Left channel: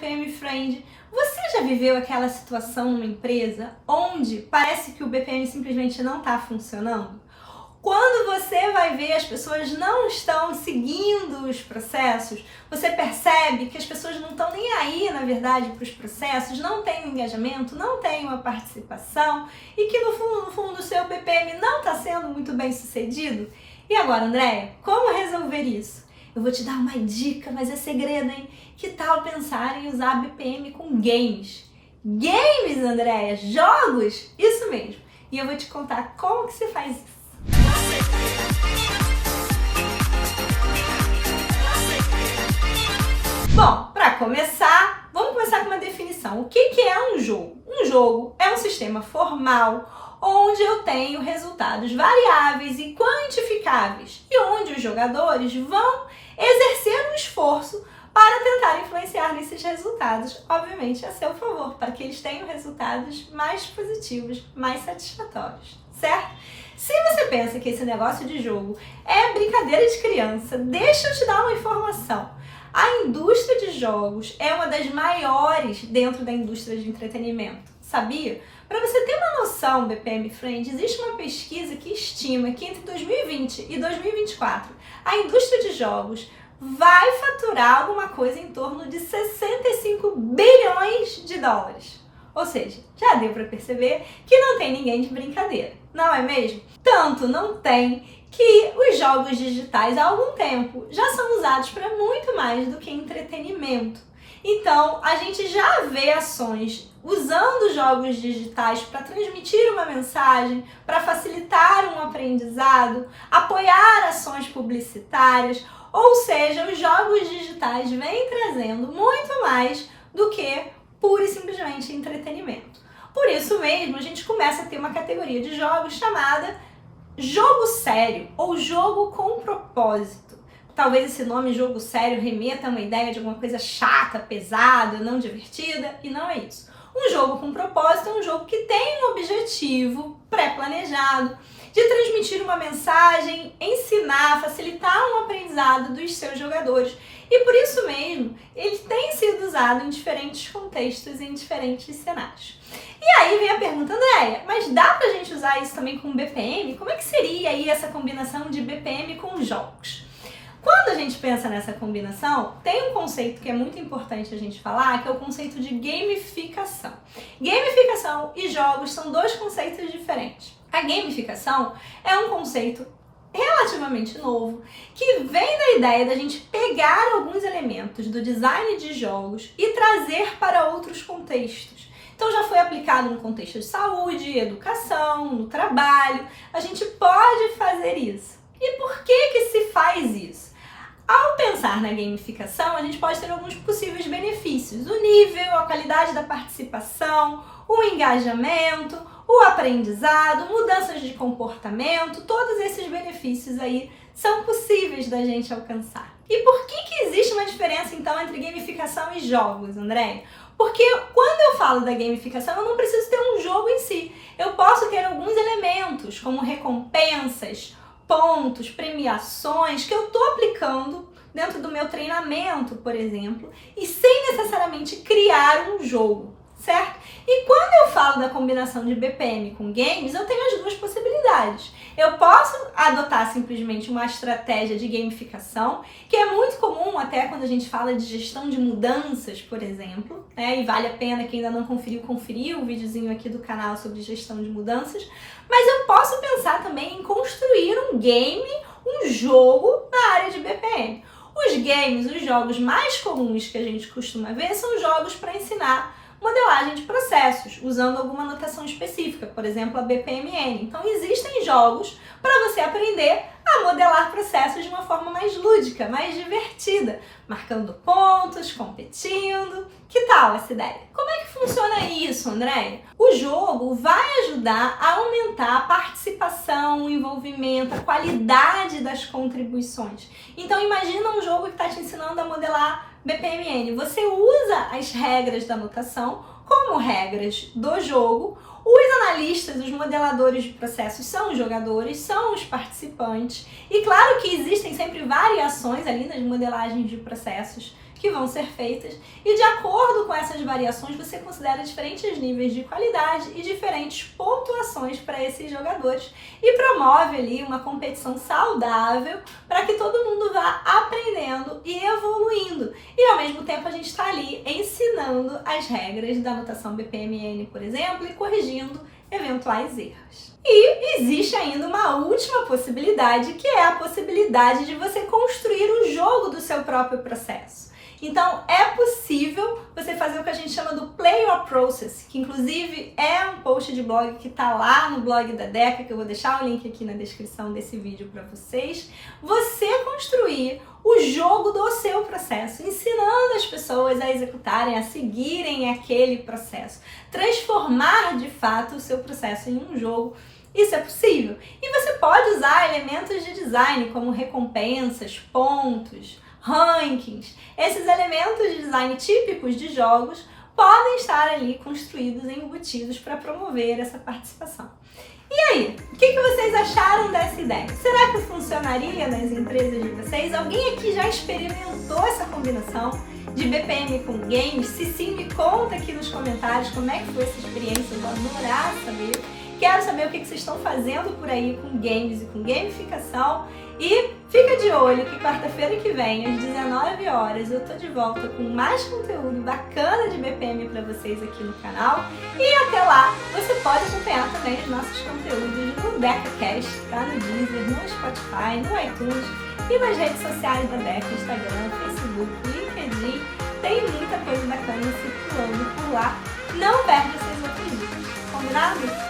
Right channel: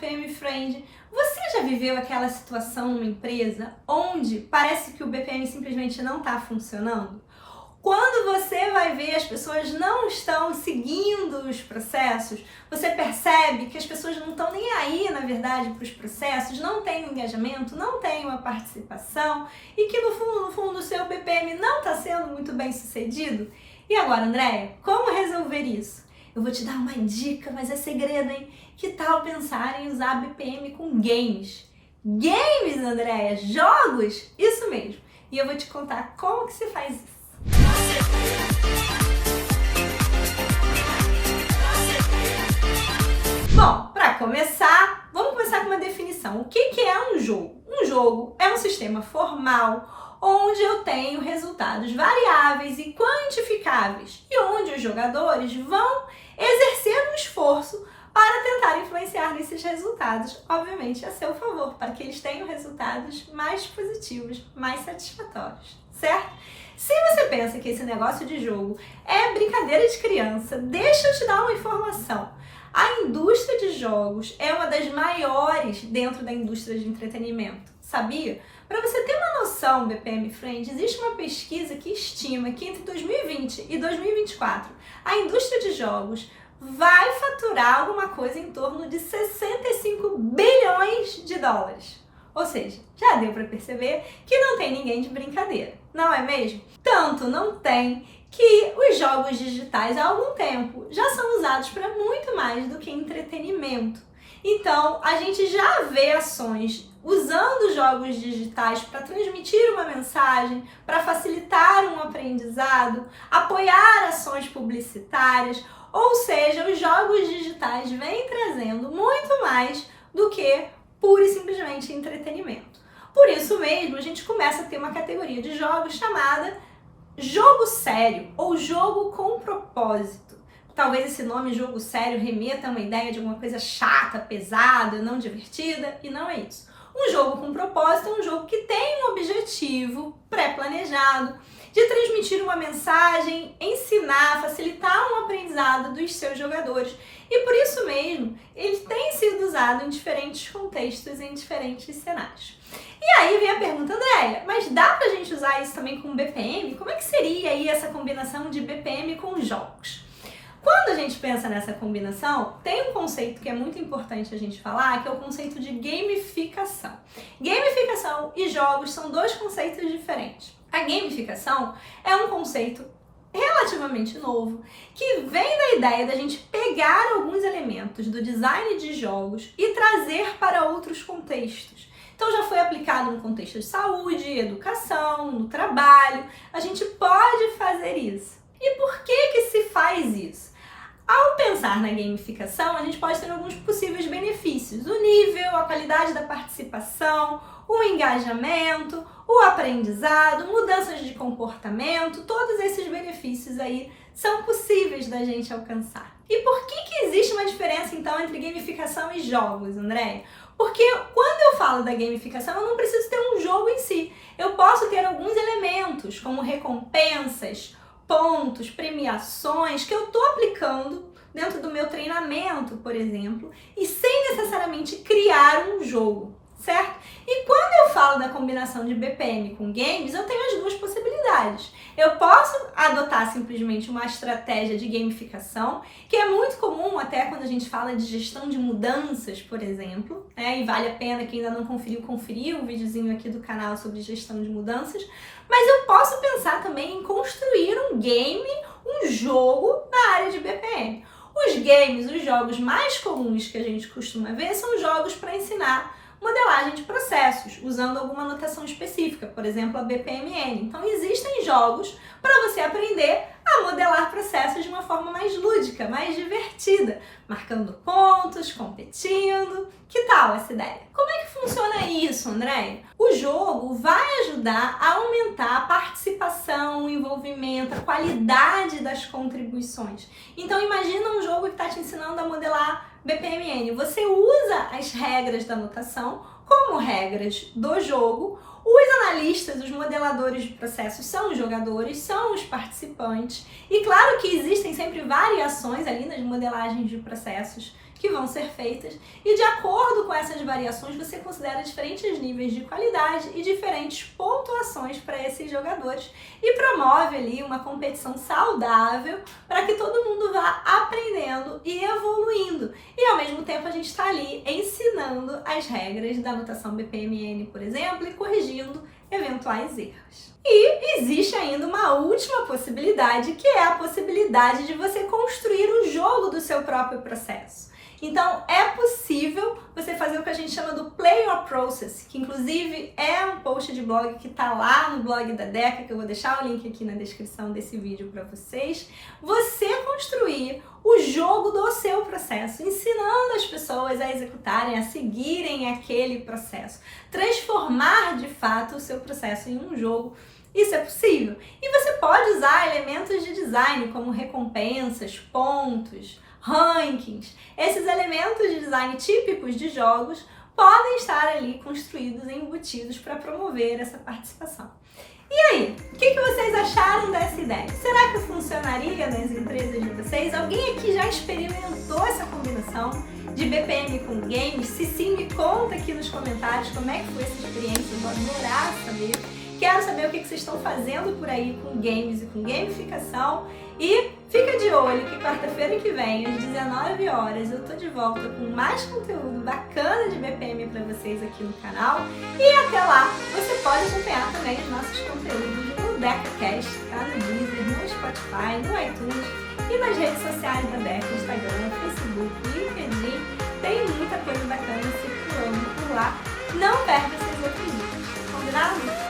BPM Friend. Você já viveu aquela situação numa empresa onde parece que o BPM simplesmente não está funcionando? Quando você vai ver as pessoas não estão seguindo os processos, você percebe que as pessoas não estão nem aí, na verdade, para os processos, não tem um engajamento, não tem uma participação e que no fundo o seu BPM não está sendo muito bem sucedido? E agora, Andréia, como resolver isso? Eu vou te dar uma dica, mas é segredo, hein? Que tal pensar em usar BPM com games? Games, Andréia? Jogos? Isso mesmo. E eu vou te contar como que se faz isso. Bom, para começar, vamos começar com uma definição. O que é um jogo? Um jogo é um sistema formal onde eu tenho resultados variáveis e quantificáveis e onde os jogadores vão exercer um esforço para tentar influenciar nesses resultados, obviamente a seu favor, para que eles tenham resultados mais positivos, mais satisfatórios, certo? Se você pensa que esse negócio de jogo é brincadeira de criança, deixa eu te dar uma informação. A indústria de jogos é uma das maiores dentro da indústria de entretenimento, sabia? Para você ter uma noção, BPM Friend, existe uma pesquisa que estima que entre 2020 e 2024 a indústria de jogos vai faturar alguma coisa em torno de 65 bilhões de dólares. Ou seja, já deu para perceber que não tem ninguém de brincadeira, não é mesmo? Tanto não tem que os jogos digitais há algum tempo já são usados para muito mais do que entretenimento. Então, a gente já vê ações usando jogos digitais para transmitir uma mensagem, para facilitar um aprendizado, apoiar ações publicitárias, ou seja, os jogos digitais vêm trazendo muito mais do que pura e simplesmente entretenimento. Por isso mesmo, a gente começa a ter uma categoria de jogos chamada jogo sério ou jogo com propósito. Talvez esse nome jogo sério remeta a uma ideia de alguma coisa chata, pesada, não divertida, e não é isso. Um jogo com propósito é um jogo que tem um objetivo pré-planejado de transmitir uma mensagem, ensinar, facilitar um aprendizado dos seus jogadores. E por isso mesmo, ele tem sido usado em diferentes contextos, em diferentes cenários. E aí vem a pergunta, Andréia, mas dá pra gente usar isso também com BPM? Como é que seria aí essa combinação de BPM com jogos? Quando a gente pensa nessa combinação, tem um conceito que é muito importante a gente falar, que é o conceito de gamificação. Gamificação e jogos são dois conceitos diferentes. A gamificação é um conceito relativamente novo, que vem da ideia da gente pegar alguns elementos do design de jogos e trazer para outros contextos. Então já foi aplicado no contexto de saúde, educação, no trabalho, a gente pode fazer isso. E por que se faz isso? Ao pensar na gamificação, a gente pode ter alguns possíveis benefícios. O nível, a qualidade da participação, o engajamento, o aprendizado, mudanças de comportamento, todos esses benefícios aí são possíveis da gente alcançar. E por que existe uma diferença então entre gamificação e jogos, Andréia? Porque quando eu falo da gamificação, eu não preciso ter um jogo em si. Eu posso ter alguns elementos, como recompensas, pontos, premiações, que eu estou aplicando dentro do meu treinamento, por exemplo, e sem necessariamente criar um jogo, certo? E quando eu falo da combinação de BPM com games, eu tenho as duas possibilidades. Eu posso adotar simplesmente uma estratégia de gamificação, que é muito comum até quando a gente fala de gestão de mudanças, por exemplo, e vale a pena, quem ainda não conferiu, conferir o videozinho aqui do canal sobre gestão de mudanças, mas eu posso pensar também em construir um game, um jogo na área de BPM. Os games, os jogos mais comuns que a gente costuma ver são jogos para ensinar modelagem de processos, usando alguma notação específica, por exemplo, a BPMN. Então, existem jogos para você aprender a modelar processos de uma forma mais lúdica, mais divertida, marcando pontos, competindo. Que tal essa ideia? Como é que funciona isso, Andréia? O jogo vai ajudar a aumentar a participação, o envolvimento, a qualidade das contribuições. Então, imagina um jogo que está te ensinando a modelar BPMN. Você usa as regras da notação como regras do jogo. Os analistas, os modeladores de processos são os jogadores, são os participantes. E claro que existem sempre variações ali nas modelagens de processos que vão ser feitas e de acordo com essas variações você considera diferentes níveis de qualidade e diferentes pontuações para esses jogadores e promove ali uma competição saudável para que todo mundo vá aprendendo e evoluindo. E ao mesmo tempo a gente está ali ensinando as regras da notação BPMN, por exemplo, e corrigindo eventuais erros. E existe ainda uma última possibilidade, que é a possibilidade de você construir o jogo do seu próprio processo. Então, é possível você fazer o que a gente chama do Play Your Process, que inclusive é um post de blog que está lá no blog da Deca, que eu vou deixar o link aqui na descrição desse vídeo para vocês. Você construir o jogo do seu processo, ensinando as pessoas a executarem, a seguirem aquele processo. Transformar, de fato, o seu processo em um jogo. Isso é possível. E você pode usar elementos de design, como recompensas, pontos, rankings. Esses elementos de design típicos de jogos podem estar ali construídos e embutidos para promover essa participação. E aí, o que vocês acharam dessa ideia? Será que funcionaria nas empresas de vocês? Alguém aqui já experimentou essa combinação de BPM com games? Se sim, me conta aqui nos comentários como é que foi essa experiência, eu vou adorar saber. Quero saber o que vocês estão fazendo por aí com games e com gamificação. E fica de olho que quarta-feira que vem, às 19 horas, eu tô de volta com mais conteúdo bacana de BPM para vocês aqui no canal. E até lá, você pode acompanhar também os nossos conteúdos no DecaCast, tá? No Deezer, no Spotify, no iTunes e nas redes sociais da Deca, Instagram, Facebook, LinkedIn. Tem muita coisa bacana circulando por lá. Não perde essas outras dicas, combinado?